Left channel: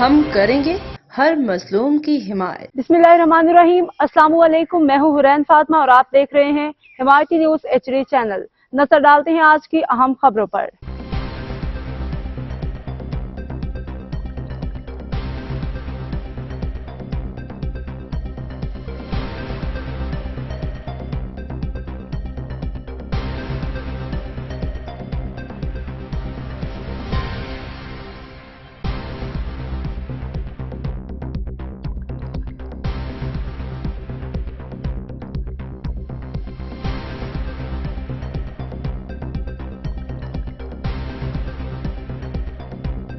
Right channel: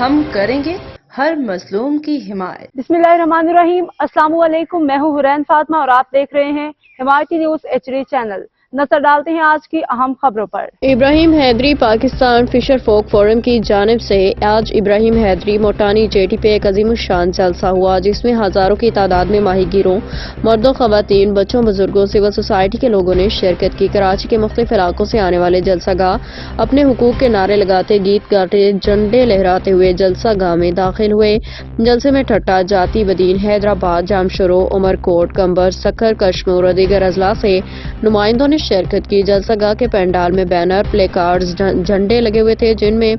ہم کریں گے ہر مظلوم کی حمایت۔ بسم اللہ الرحمن الرحیم۔ السلام علیکم، میں ہوں حرین فاطمہ اور آپ دیکھ رہے ہیں حمایتی نیوز HD چینل۔ نظر ڈالتے ہیں آج کی اہم خبروں پر۔ ابراہیم حیدری پاکستان فشر فوک فورم کی جانب سے آج ابراہیم حیدری موٹانی جیٹی پہ ایک عظیم الشان جلسہ ہوا، جس میں ہزاروں کی تعداد میں ماہی گیروں، مردوں، خواتین، بچوں، بزرگوں، سول سوسائٹی کے لوگوں نے شرکت کی۔ کراچی کے مختلف علاقوں سے آنے والے جلسہ گاہ اپنے حقوق کے نعرے لگاتے، گیت گاتے، جھنڈے لہراتے ہوئے جلسہ گاہ میں داخل ہوئے۔ جلسے میں ٹھٹا، جاتی بدین، حیدرآباد، جامشورو، عمرکوٹ، کنبر، سکھر، کشمور اور دیگر اضلاع سے نمائندوں نے شرکت کی۔ جلسہ گاہ کے پینڈال میں بینر، پلے کارڈز، جھنڈے لگے ہوئے تھے، جن میں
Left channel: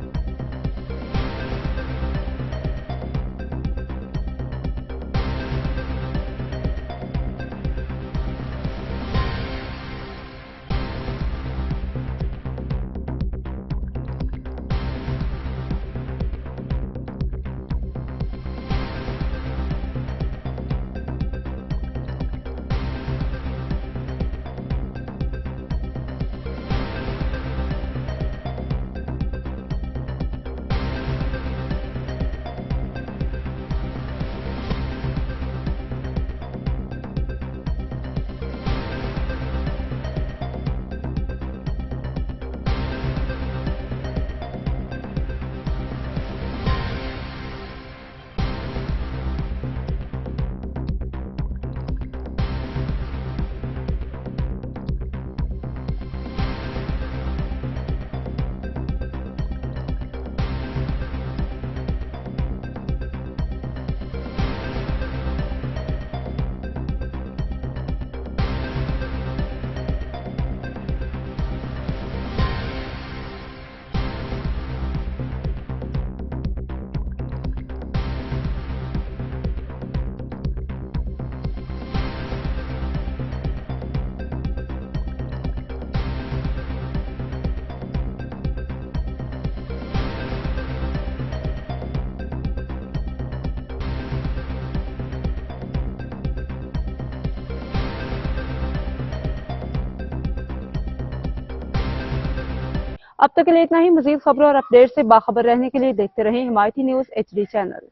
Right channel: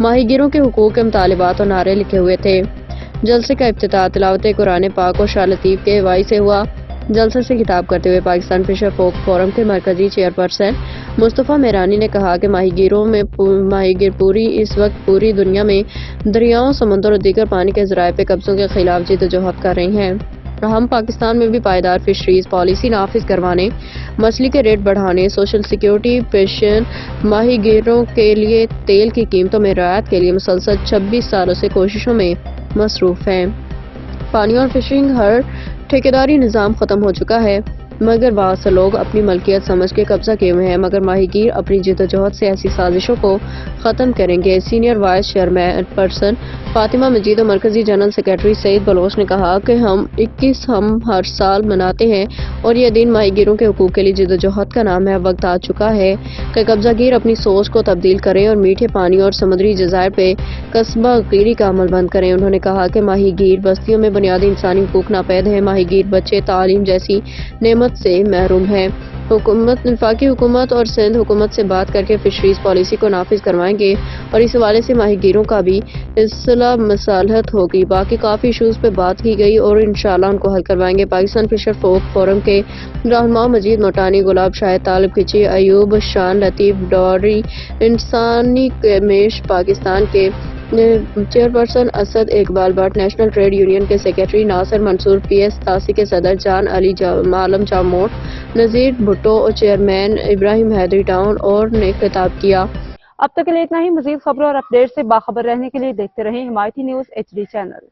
ماہی گیروں کے حقوق کے مطالبات اور نعرے لکھے ہوئے تھے۔ جلسے کا افتتاح تلاوت قرآن پاک اور شاہ لطیف کے اغوائی سے ہوا۔ جلسے سے خطاب کرتے ہوئے پاکستان فشر فوک فورم کے مرکزی چیئرپرسن مصطفیٰ میرانی نے کہا کہ ماہی گیر اس وقت پوری دنیا میں دریاؤں، سمندر اور دیگر پانی کے ذرائع پہ قبضوں کے خلاف جدوجہد کر رہی ہیں۔ ہم پاکستان میں بھی پائیدار فشریز پالیسی نافذ کروانے، مچھلی کے ریٹ بڑھانے، سوشل سیکیورٹی، پنشن، ماہی گیروں کے لیے تیل کی قیمتوں میں رعایت کے لیے مسلسل 26 سالوں سے کوششوں میں مصروف ہیں۔ پانی اور فشنگ ہر ٹھیکیداری نظام ختم ہو چکا ہے، مگر بہت سے لوگ اپنی ملکیت سمجھ کے قبضہ کیے ہوئے ہیں، مگر ماہی گیر اپنی جدوجہد سے ایسی سازشوں کو ختم کریں گے۔ سینئر وائس چیئرپرسن فاطمہ مجید اور مرکزی جنرل سیکرٹری سعید بلوچ نے کہا کہ 21 ہم ہر سال مناتے ہیں اور یہ دن ماہی گیروں کے حقوق کے لیے جدوجہد کا نام ہے۔ وقت آ چکا ہے کہ قبضہ گیر اپنی سوچ کو تبدیل کریں اور میٹھے پانی اور سمندری جزائر پہ قصبہ گیری کا عمل بند کریں۔ انہوں نے کہا کہ ماہی گیر بستیوں میں بنیادی انسانی حقوق ناپید ہیں، ماہی گیر بچے تعلیم جیسی نعمت سے محروم ہے۔ وفاقی حکومت اور سندھ حکومت سے بات کر کے فشریز پالیسی کو نافذ کروائیں گے اور اس حوالے سے ماہی گیروں کا بھی اصلاح مصالحت ہوگی۔ باقی کافی ایشوز پہ بات کی گئی اور انشاءاللہ ان کو حل کروائیں گے۔ پاکستان فشر فوک فورم کے رہنما مجید موٹانی، گلاب شاہد، طالب کچی، ایوب، شان لطیف ڈوری، انسانی کمیش پاکستان کے chairperson Asad Iqbal Butt, national trade union کے سیکرٹری ناصر منصور، PS 87 کے صدر جان علی عالم جاموٹ، نذیر بھٹو اور چیئرمین ابراہیم حیدری ٹاؤن اور نے خطاب کیا۔ اب تک کے لیے اتنا ہی۔ مزید خبروں اور اپڈیٹ سے باخبر رہنے کے لیے دیکھتے رہیں حمایتی نیوز HD چینل۔